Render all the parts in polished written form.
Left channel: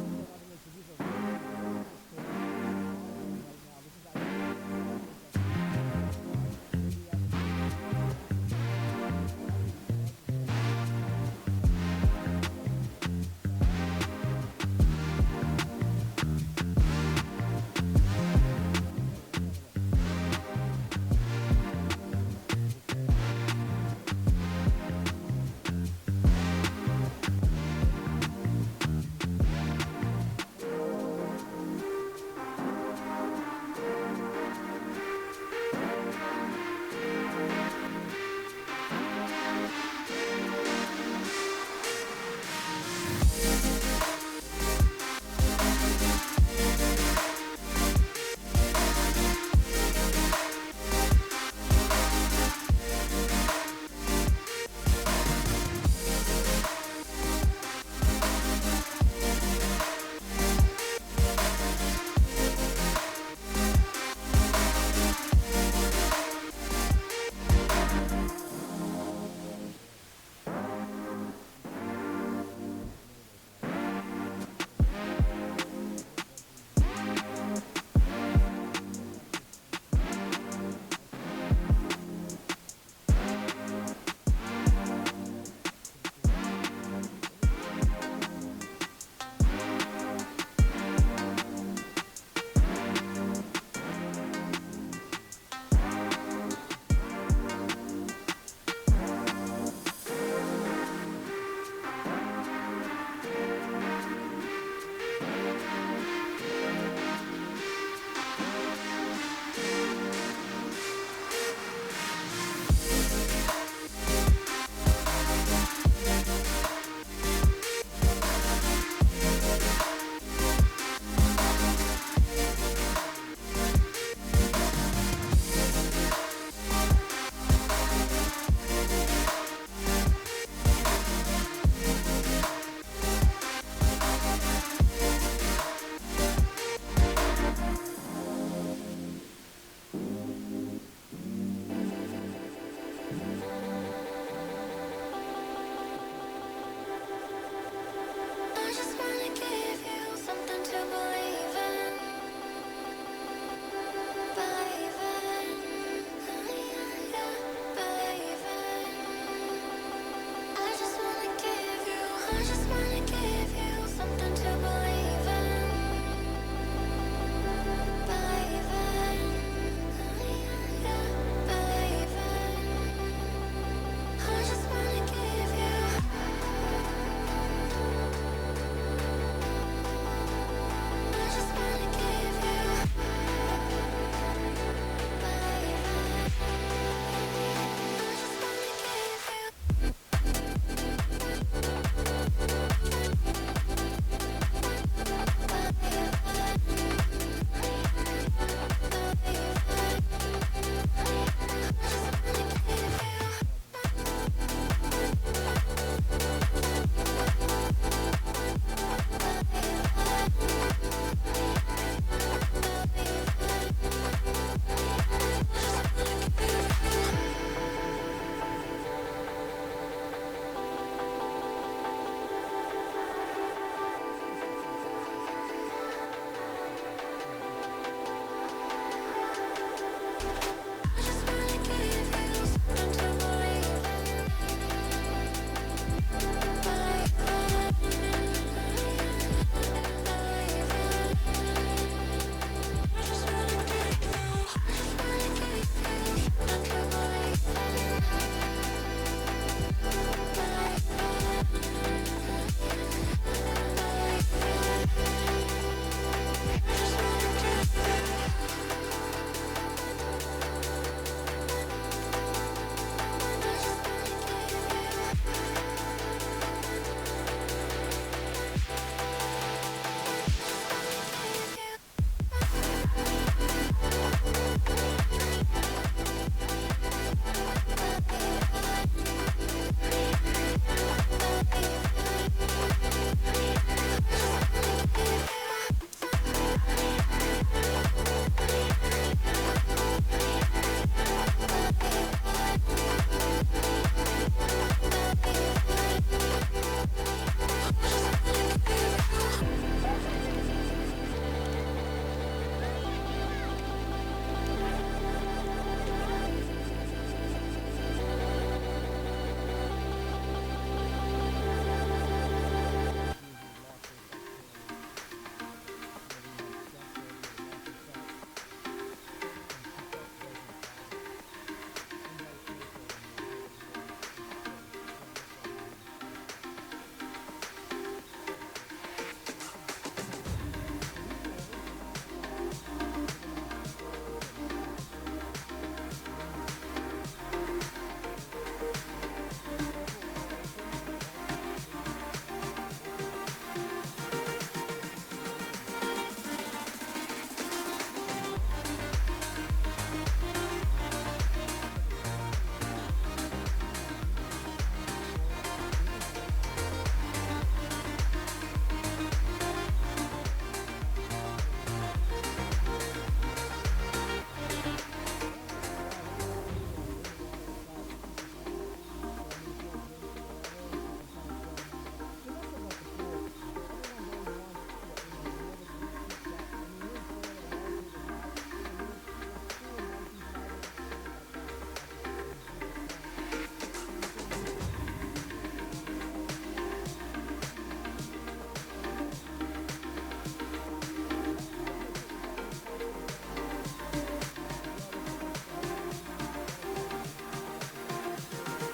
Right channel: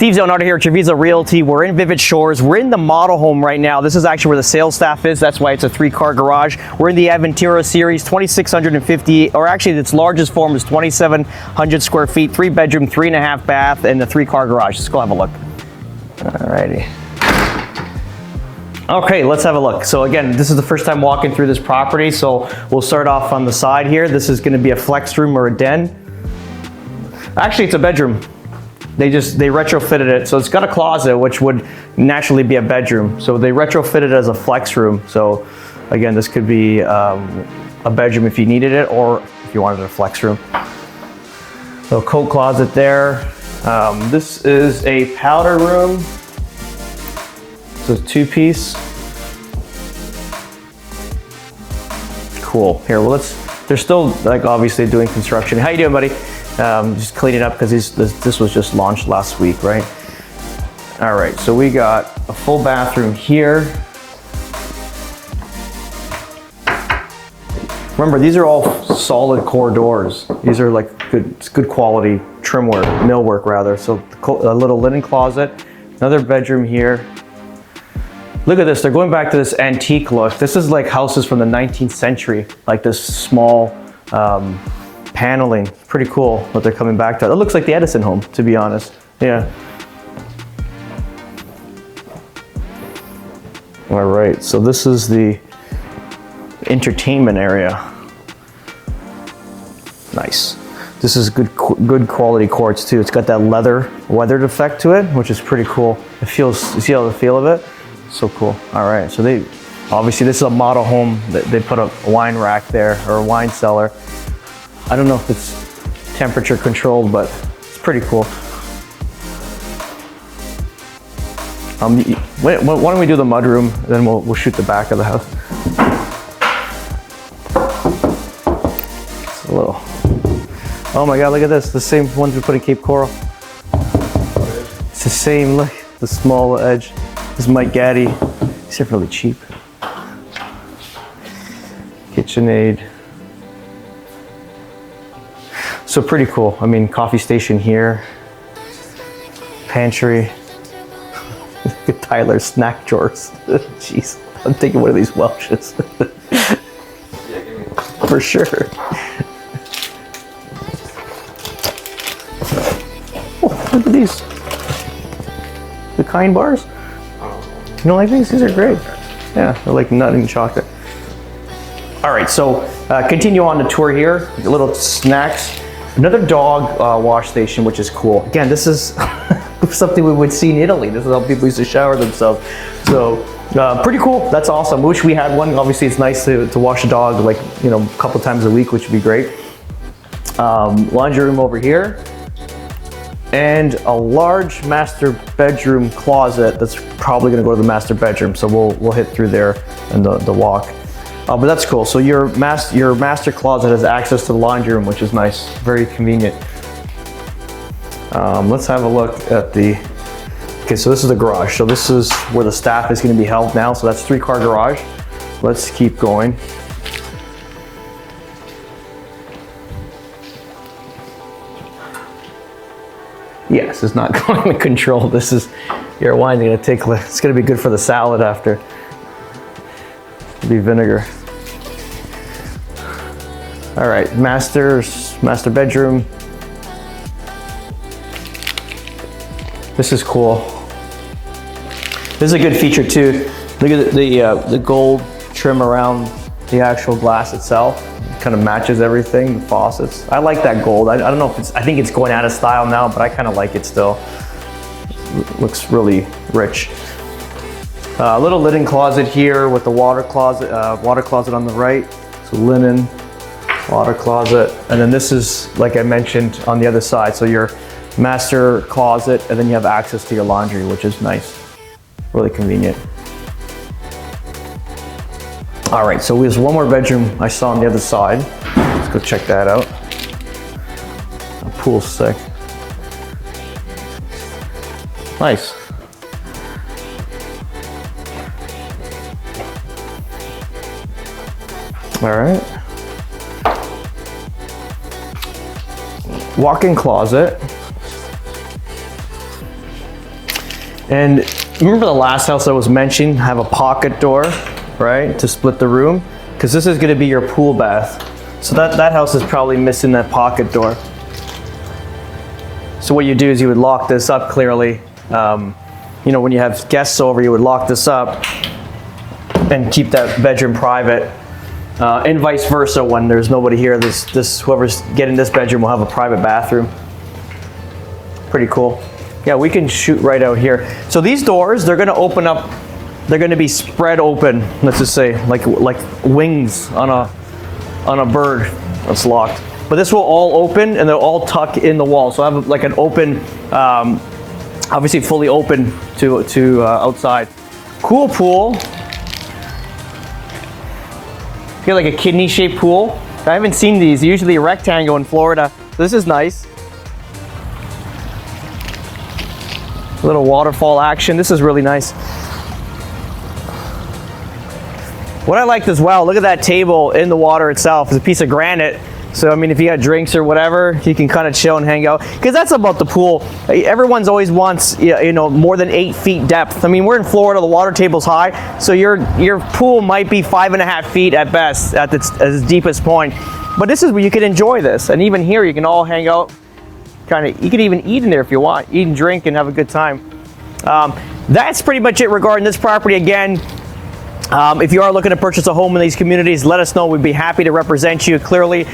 Steve Zonardo here at Treviso Realty. We're in Vivid Shores. We're in the model home right now. This is actually where the sales staff is. That's why it's a 3-car garage. We're in the Aventura series, 2,650, or actually its largest form is 2,700 square feet, 3-bedroom, 3.5 bath, and the 3-car garage. Let's go have a look. Alrighty. Okay, let's have a look. So again, this is the first time walking through this property, so we'll start off on the side here. This is gonna be a flex room or a den. Actually, it's a bedroom. They retrofitted it, so it's got a closet, which would naturally be a bedroom. So they retrofitted it as a flex room. So again, this could be a bedroom if you needed it, or if you wanted a flex room. So coat closet there. This is a powder room. So it's 2-piece. Cool. Here, well, they're still like obviously doing construction. How you doing, buddy? Just cleaning up because this was just launched last week, right? All right, so we got a full bathroom here. Remember, these are all solid core doors. These are like good quality trim work, millwork rather. So a little linen closet, another bedroom here. Look at this, they're going back to this antique look. This is like houses from the 19th century, like this small paneling. Pretty cool what they're coming back to. It looks like the Edison home, to be honest. Yeah. All right, so this is the entertainment area. Nice. This is good quality quartz too. It's got that leather weathered effect to it, which is pretty cool. It feels, you see how the feel of it? So cool. All right, so obviously this is a model home. They put a wine rack there, or a wine cellar. I don't know if it's temperature controlled, but it's pretty cool. Why don't we do the mudroom, then we'll shoot the back of the house. It's a little. Oh my God, look at this. The same ones we put in Cape Coral. It's the same, look, the small edge. This is Mike Gaddy. These are really cheap. KitchenAid. So pretty cool. I mean, coffee station here. Pantry. Tyler snack drawers. Jeez, I'm taking one of these Welshes. For sure. Oh, look at these. The Kind bars. You don't like these? These are great. Yeah, they're like nut and chocolate. All right, so continue on the tour here. A little snacks. Another dog wash station, which is cool. Again, this is something we would see in Italy. This is how people used to shower themselves. So pretty cool. That's awesome. Wish we had one. Obviously, it's nice to wash a dog like, you know, a couple times a week, which would be great. Laundry room over here. And a large master bedroom closet that's probably gonna go to the master bedroom. So we'll hit through there in the walk. But that's cool. So your master closet has access to the laundry room, which is nice, very convenient. Let's have a look at okay, so this is the garage. So this is where the staff is gonna be held now. So that's 3-car garage. Let's keep going. Yes, it's not going to control. This is your wine. Gonna take. It's gonna be good for the salad after. It'll be vinegar. All right, master bedroom. This is cool. This is a good feature too. Look at the gold trim around the actual glass itself. Kind of matches everything, the faucets. I like that gold. I don't know if I think it's going out of style now, but I kind of like it still. It looks really rich. A little linen closet here with the water closet on the right. So linen, water closet. And then this is, like I mentioned, on the other side. So your master closet, and then you have access to your laundry, which is nice. Really convenient. All right, so there's one more bedroom I saw on the other side. Let's go check that out. A pool stick. Nice. All right. Walk-in closet. And remember the last house I was mentioning, have a pocket door, right, to split the room? Because this is gonna be your pool bath. So that house is probably missing that pocket door. So what you do is you would lock this up clearly. You know, when you have guests over, you would lock this up and keep that bedroom private. And vice versa, when there's nobody here, whoever's getting this bedroom will have a private bathroom. Pretty cool. Yeah, we can shoot right out here. So these doors, they're gonna open up, they're gonna be spread open, let's just say, like wings on a bird that's locked. But this will all open and they'll all tuck in the wall. So I have like an open, obviously fully open to outside. Cool pool. Feel like a kidney-shaped pool. I haven't seen these. Usually a rectangle in Florida. This is nice. A little waterfall action. This is really nice. What I liked as well, look at that table in the water itself. It's a piece of granite. So, I mean, if you got drinks or whatever, you can kind of chill and hang out. Because that's about the pool. Everyone's always wants, you know, more than 8 feet depth. I mean, we're in Florida, the water table's high. So your pool might be 5.5 feet at best, at its deepest point. But this is where you can enjoy this. And even here, you can all hang out. You can even eat in there if you want. Eat and drink and have a good time. That's pretty much it regarding this property. Again, if you are looking to purchase a home in these communities, let us know. We'd be happy to represent you. Clearly,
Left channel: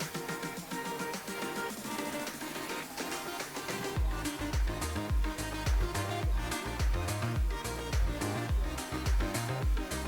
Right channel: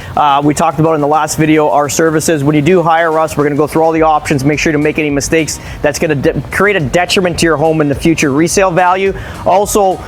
we talked about in the last video our services. When you do hire us, we're going to go through all the options, make sure you don't make any mistakes. That's going to create a detriment to your home in the future resale value. Also,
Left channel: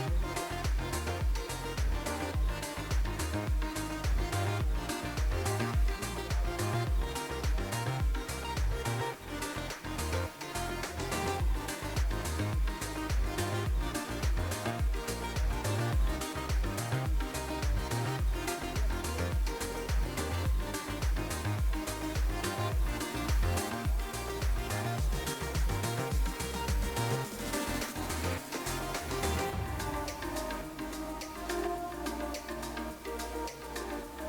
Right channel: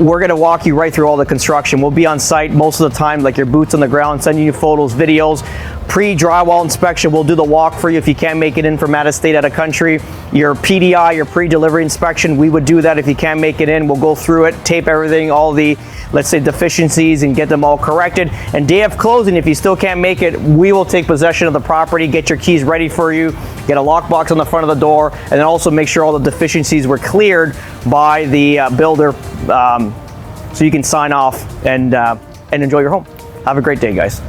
we're going to walk you right through all the construction. We'll be on site most of the time, like your boots on the ground, sending you photos, videos. Pre-drywall inspection, we'll do the walk for you if you can't make it in from out of state, out of country. Your PDI, your pre-delivery inspection, we would do that if you can't make it in. We'll go through it, tape everything, all the, let's say, deficiencies and get them all corrected. And day of closing, if you still can't make it, we will take possession of the property, get your keys ready for you, get a lockbox on the front of the door, and then also make sure all the deficiencies were cleared by the builder so you can sign off and enjoy your home. Have a great day, guys.